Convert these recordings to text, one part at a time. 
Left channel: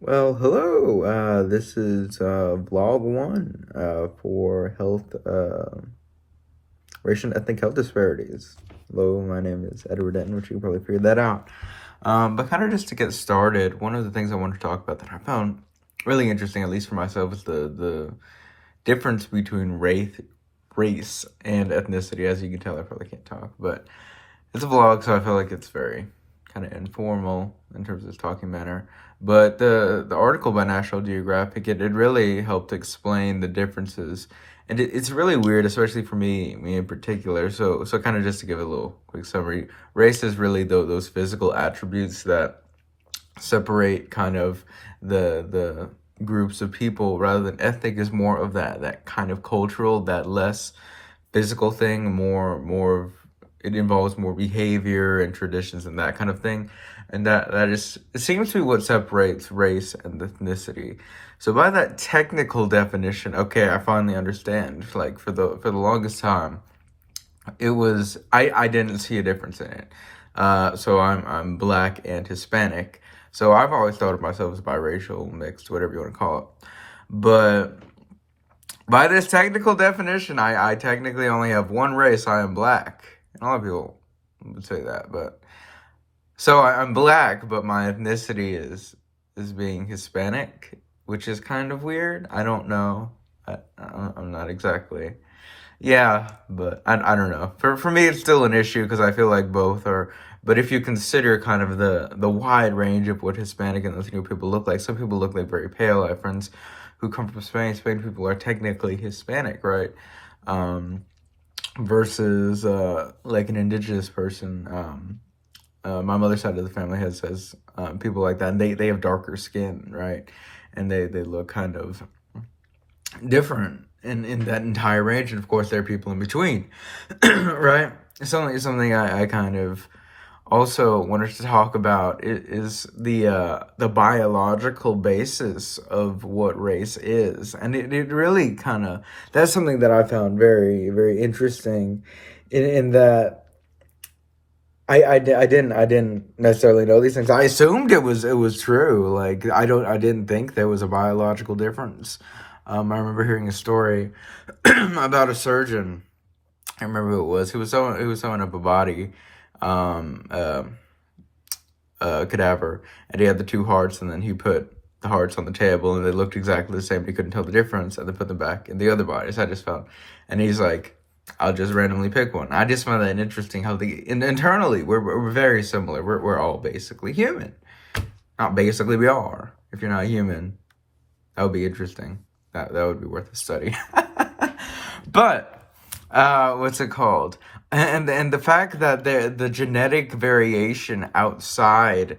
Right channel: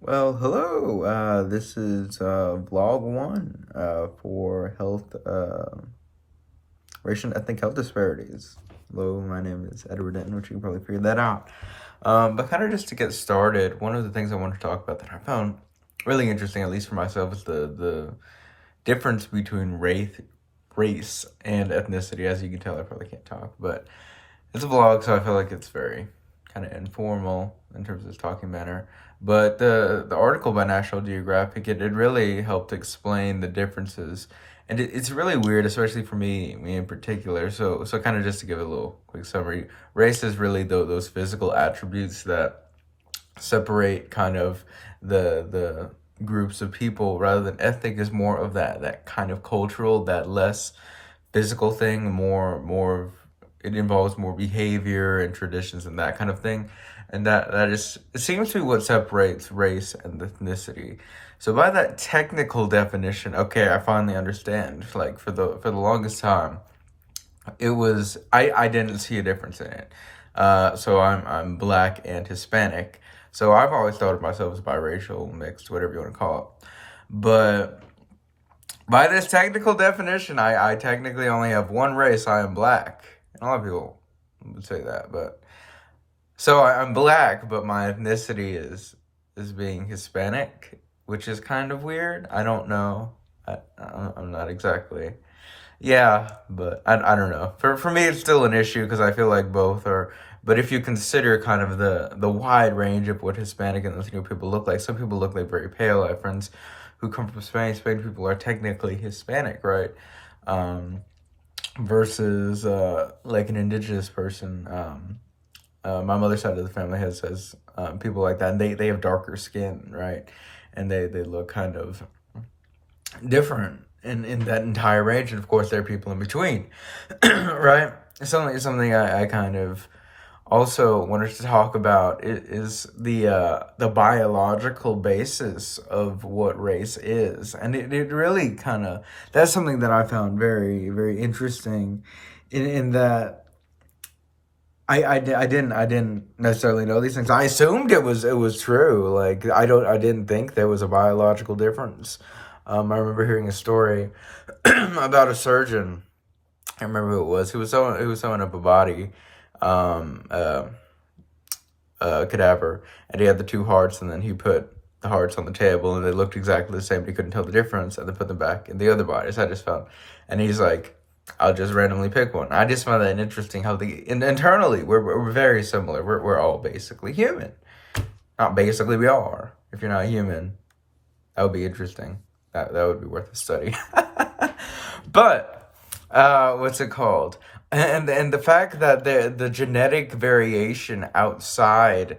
Well, hello. This is vlog one for health, racial and ethnic health disparities. Hello, my name is Edward Denton, which you probably figured that out. But kind of just to get started, one of the things I want to talk about that I found really interesting, at least for myself, is the difference between race and ethnicity. As you can tell, I probably can't talk, but it's a vlog, so I feel like it's very kind of informal in terms of its talking manner. But the article by National Geographic, it really helped explain the differences. And it's really weird, especially for me in particular. So kind of just to give a little quick summary, race is really those physical attributes that separate kind of the groups of people, rather than ethnic is more of that kind of cultural, that less physical thing, more of it involves more behavior and traditions and that kind of thing. And that is, it seems to be what separates race and ethnicity. So by that technical definition, okay, I finally understand. Like for the longest time, it was I didn't see a difference in it. So I'm black and Hispanic. So I've always thought of myself as biracial, mixed, whatever you want to call it. But by this technical definition, I technically only have one race. I am black. And a lot of people would say that, but so I'm black, but my ethnicity is being Hispanic, which is kind of weird. I don't know. I'm not exactly. Yeah, but I don't know. For me, it's still an issue because I feel like both are. But if you consider kind of the wide range of what Hispanic and Latino people look like, some people look like very pale. I have friends who come from Spain. Spain people are technically Hispanic, right? Um, versus like an indigenous person. My mother's side of the family has people like that, and they have darker skin, right? And they look kind of different in that entire range, and of course there are people in between, right? Something I kind of also wanted to talk about is the biological basis of what race is, and it really kind of, that's something that I found very interesting, in that I didn't necessarily know these things. I assumed it was true. Like I didn't think there was a biological difference. I remember hearing a story about a surgeon. I remember who it was. Who was sewing up a body, um, uh, a cadaver, and he had the two hearts, and then he put the hearts on the table, and they looked exactly the same, but he couldn't tell the difference, and they put them back in the other bodies. I just found, and he's like, I'll just randomly pick one. I just found that interesting how internally we're very similar. We're all basically human. Not basically, we are. If you're not human, that would be interesting. That would be worth a study. But what's it called? And the fact that the genetic variation outside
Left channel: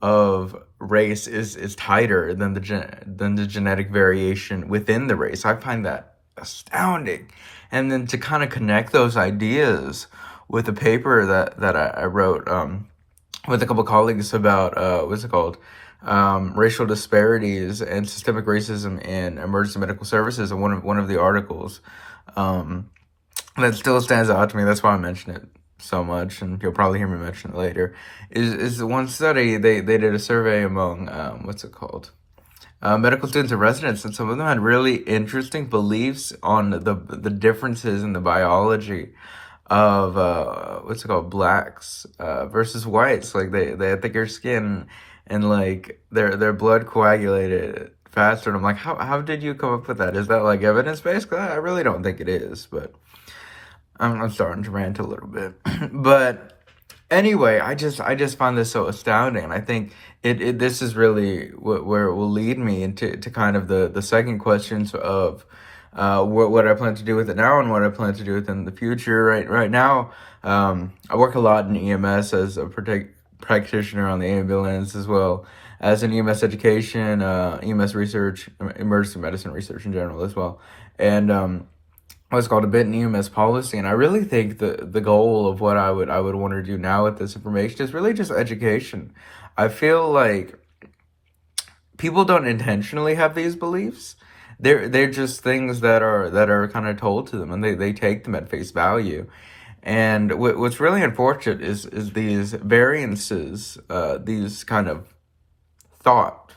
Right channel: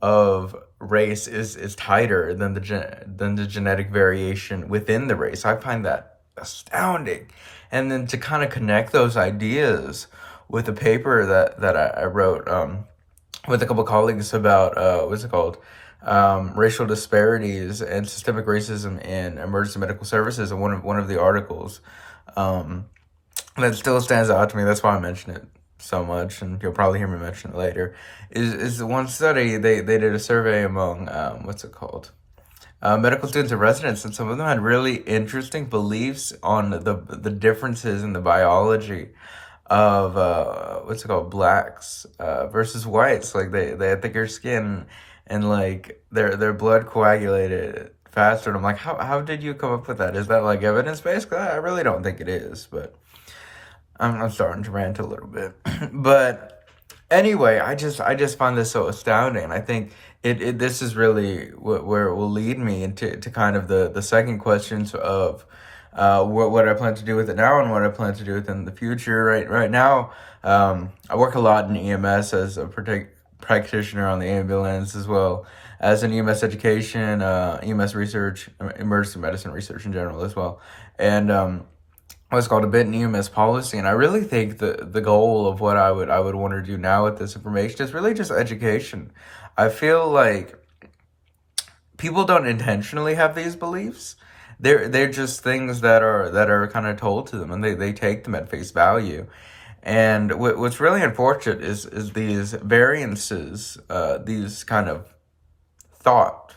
of race is tighter than the genetic variation within the race, I find that astounding. And then to kind of connect those ideas with a paper that I wrote, with a couple colleagues about what's it called, racial disparities and systemic racism in emergency medical services, and one of the articles, um, that still stands out to me. That's why I mention it so much, and you'll probably hear me mention it later. Is the one study they did a survey among, what's it called, medical students and residents, and some of them had really interesting beliefs on the differences in the biology of what's it called, blacks versus whites. Like they had thicker skin, and like their blood coagulated faster. And I'm like, how did you come up with that? Is that like evidence based? I really don't think it is, but I'm starting to rant a little bit. But anyway, I just find this so astounding. And I think it this is really where it will lead me into kind of the second questions of what I plan to do with it now and what I plan to do with it in the future. Right now, I work a lot in EMS as a practitioner on the ambulance, as well as in EMS education, EMS research, emergency medicine research in general as well, and what's called a bit in EMS policy. And I really think the goal of what I would want to do now with this information is really just education. I feel like people don't intentionally have these beliefs. They're just things that are kind of told to them, and they take them at face value. And what's really unfortunate is these variances, these kind of thought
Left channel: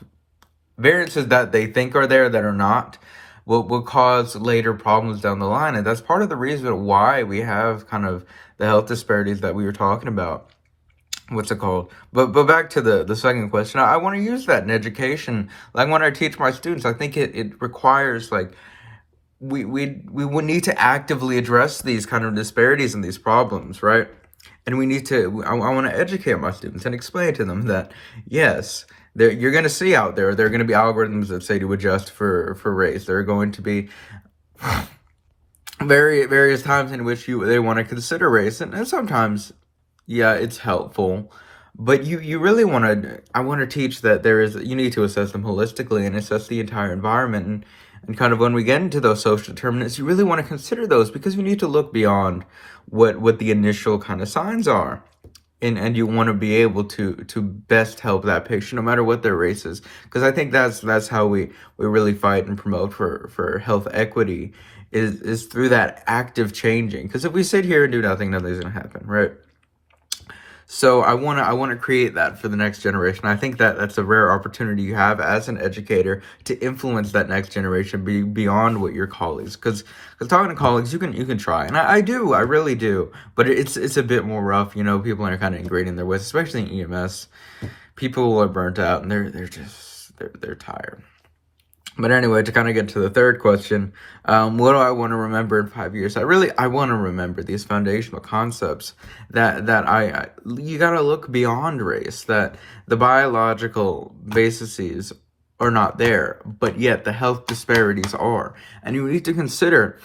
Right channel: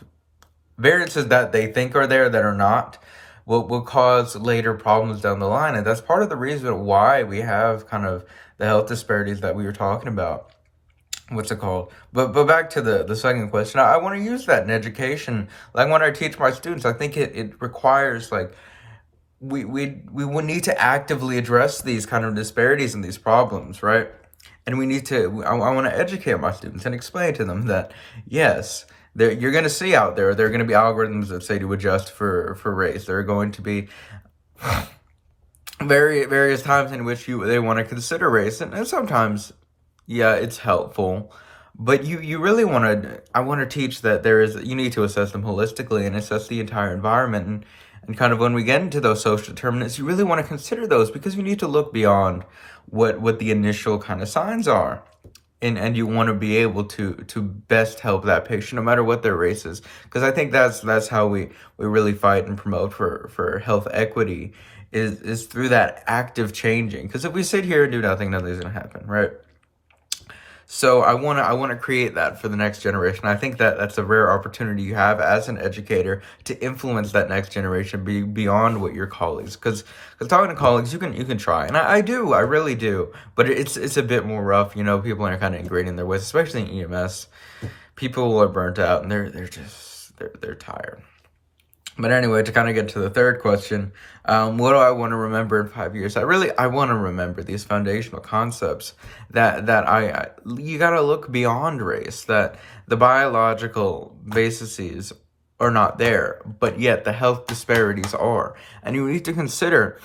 variances that they think are there that are not will cause later problems down the line. And that's part of the reason why we have kind of the health disparities that we were talking about. What's it called? But back to the second question. I want to use that in education. Like when I teach my students, I think it requires like we would need to actively address these kind of disparities and these problems, right? And we need to, I want to educate my students and explain to them that, yes, you're going to see out there are going to be algorithms that say to adjust for race. There are going to be various times in which they want to consider race. And sometimes, yeah, it's helpful. But you really want to, I want to teach that you need to assess them holistically and assess the entire environment. And kind of when we get into those social determinants, you really want to consider those because you need to look beyond what the initial kind of signs are. And you want to be able to best help that patient no matter what their race is. Because I think that's how we really fight and promote for health equity is through that active changing. Because if we sit here and do nothing, nothing's going to happen, right? So I want to create that for the next generation. I think that's a rare opportunity you have as an educator to influence that next generation beyond what your colleagues. Because talking to colleagues, you can try, and I really do. But it's a bit more rough. You know, people are kind of ingrained in their ways, especially in EMS. People are burnt out, and they're tired. But anyway, to kind of get to the third question, what do I want to remember in 5 years? I want to remember these foundational concepts that you got to look beyond race, that the biological bases are not there, but yet the health disparities are. And you need to consider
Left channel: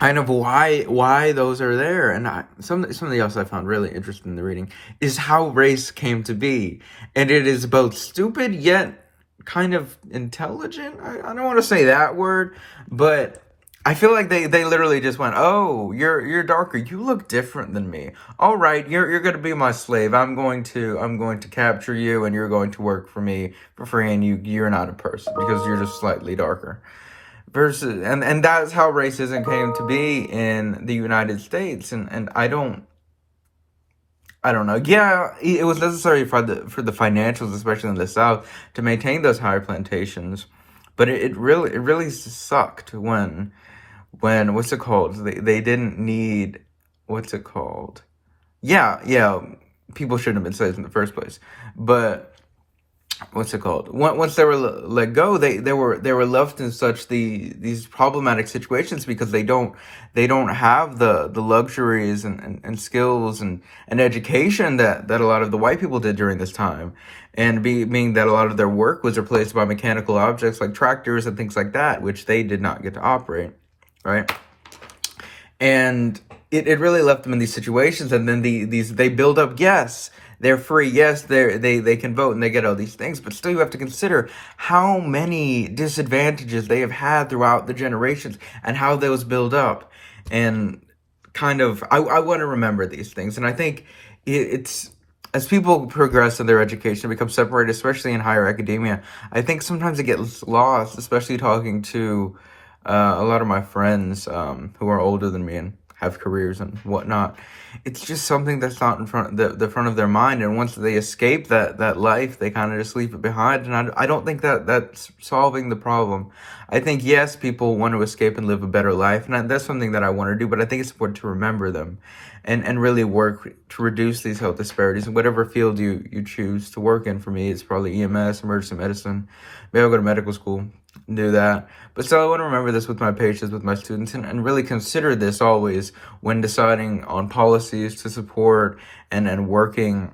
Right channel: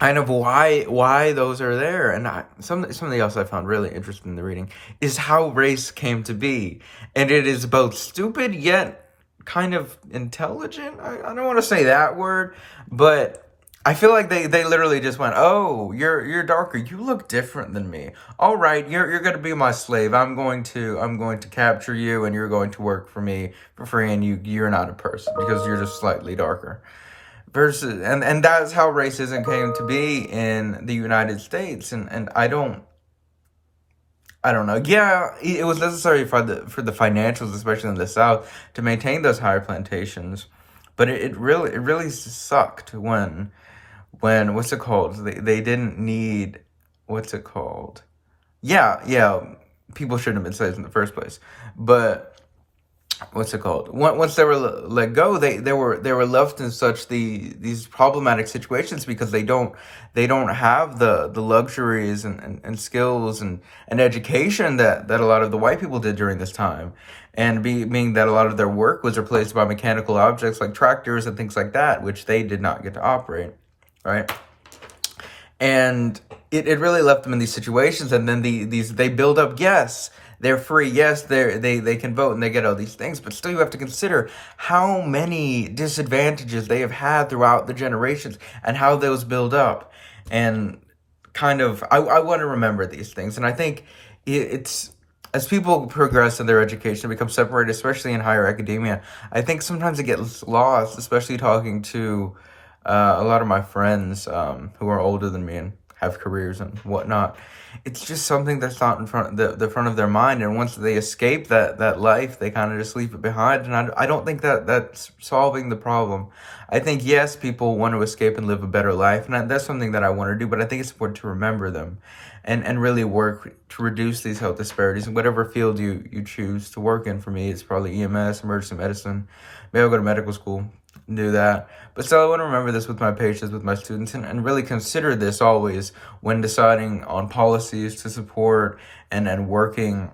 kind of why those are there. And something else I found really interesting in the reading is how race came to be. And it is both stupid yet kind of intelligent. I don't want to say that word, but I feel like they literally just went, "Oh, you're darker. You look different than me. All right, you're going to be my slave. I'm going to capture you, and you're going to work for me for free, and you're not a person because you're just slightly darker." Versus and that's how racism came to be in the United States, and I don't know. Yeah, it was necessary for the financials, especially in the South, to maintain those higher plantations. But it really sucked when what's it called? They didn't need what's it called? Yeah. People shouldn't have been slaves in the first place. But what's it called? Once they were let go, they were left in such these problematic situations because they don't have the luxuries and skills and education that a lot of the white people did during this time, and being that a lot of their work was replaced by mechanical objects like tractors and things like that, which they did not get to operate, right? And it really left them in these situations, and then they build up. Yes, they're free. Yes, they can vote and they get all these things, but still you have to consider how many disadvantages they have had throughout the generations and how those build up. And kind of, I want to remember these things, and I think it's as people progress in their education, become separated, especially in higher academia. I think sometimes it gets lost, especially talking to a lot of my friends who are older than me and have careers and whatnot. It's just something that's not in front the front of their mind, and once they escape that life, they kind of just leave it behind. And I don't think that's solving the problem. I think yes, people want to escape and live a better life, and that's something that I want to do. But I think it's important to remember them, and really work to reduce these health disparities in whatever field you choose to work in. For me, it's probably EMS, emergency medicine. Maybe I'll go to medical school and do that. But still, I want to remember this with my patients, with my students, and really consider this always when deciding on policies to support and working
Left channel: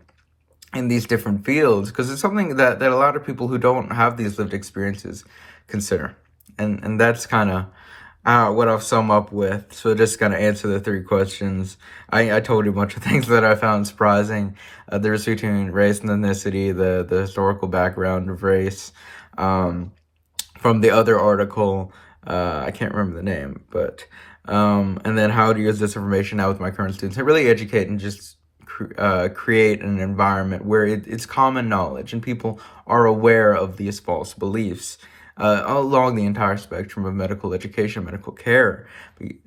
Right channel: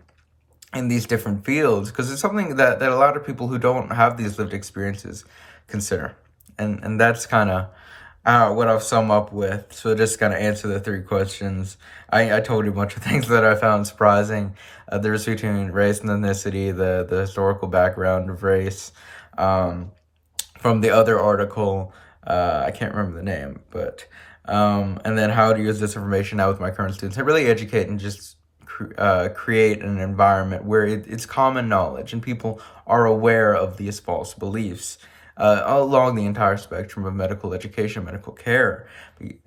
in these different fields, because it's something that a lot of people who don't have these lived experiences consider. And that's kind of what I'll sum up with. So just kind of answer the three questions. I told you a bunch of things that I found surprising. The difference between race and ethnicity, the historical background of race. From the other article, I can't remember the name, but and then how to use this information now with my current students. I really educate and just create an environment where it's common knowledge and people are aware of these false beliefs. along the entire spectrum of medical education, medical care.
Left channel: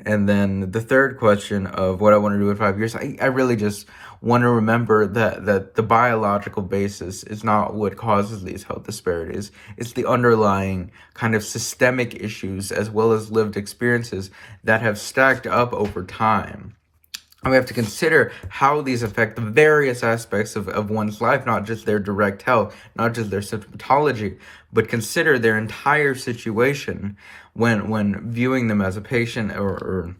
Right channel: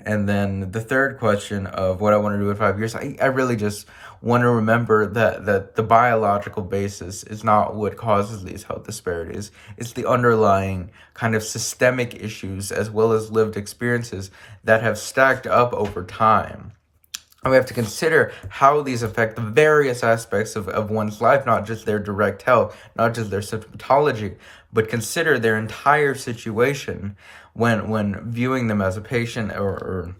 And then the third question of what I want to do in 5 years, I really just want to remember that the biological basis is not what causes these health disparities. It's the underlying kind of systemic issues as well as lived experiences that have stacked up over time. And we have to consider how these affect the various aspects of one's life, not just their direct health, not just their symptomatology, but consider their entire situation when viewing them as a patient or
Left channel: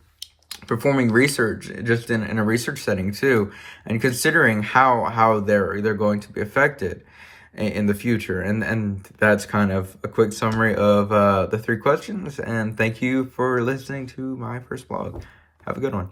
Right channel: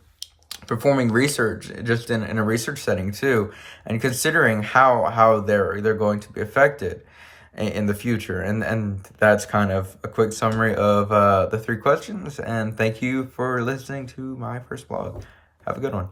performing research, just in a research setting too, and considering how they're going to be affected in the future. And that's kind of a quick summary of the three questions. And thank you for listening to my first blog. Have a good one.